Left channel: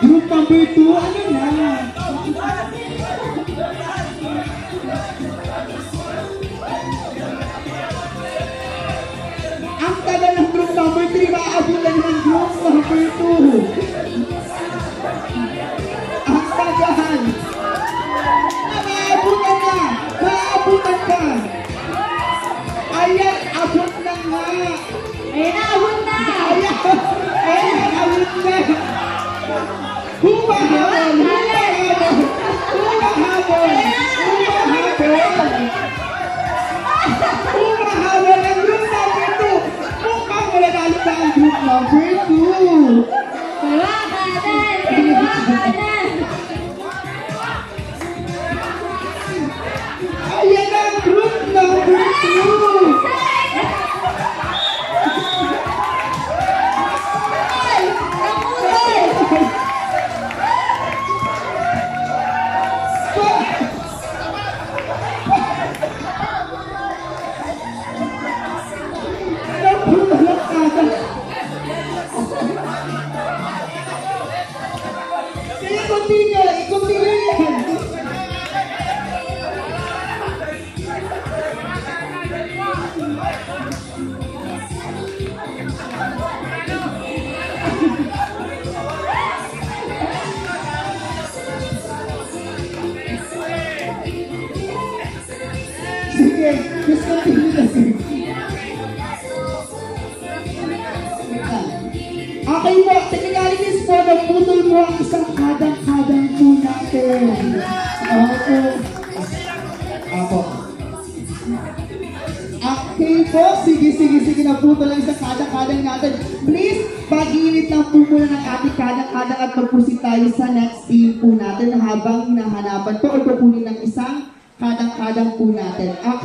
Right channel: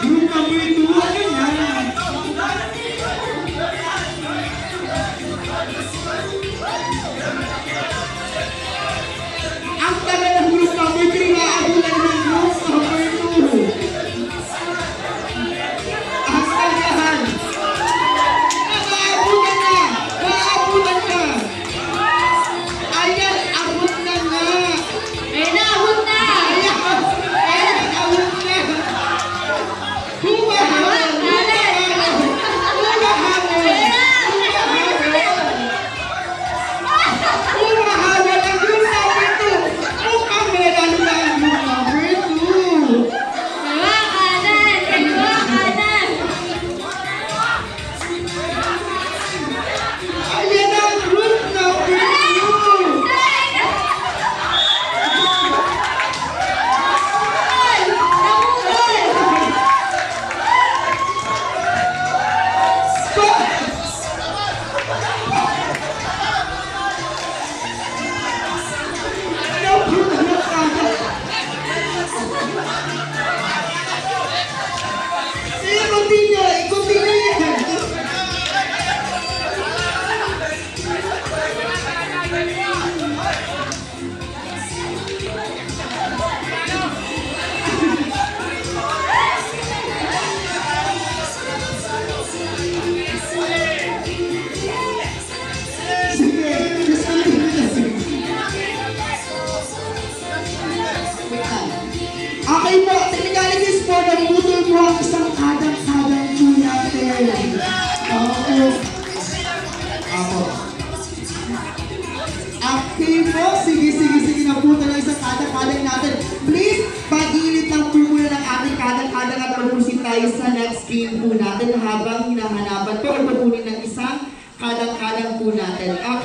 Group number 2, ano na? Ang tagal ng group number 3, maabulan ng group number 2. Ang tagahan. Maabutan na! Maabutan ka! Ayan, abot na nga! Ayun na, abot na! Ayan, abot na! Humahal! Okay po, technicalities po, nagputol mo ang isang kadang-kadang po natin. Oo. Apo. Okay po, sige, naputol ang isang kadang-kadang natin. Please, pag-iinit lang po muna ng ating kadang-kadang at magpusin tayo sa next game po natin habang hinahanapan po o pupunin ng isang kadang-kadang po natin.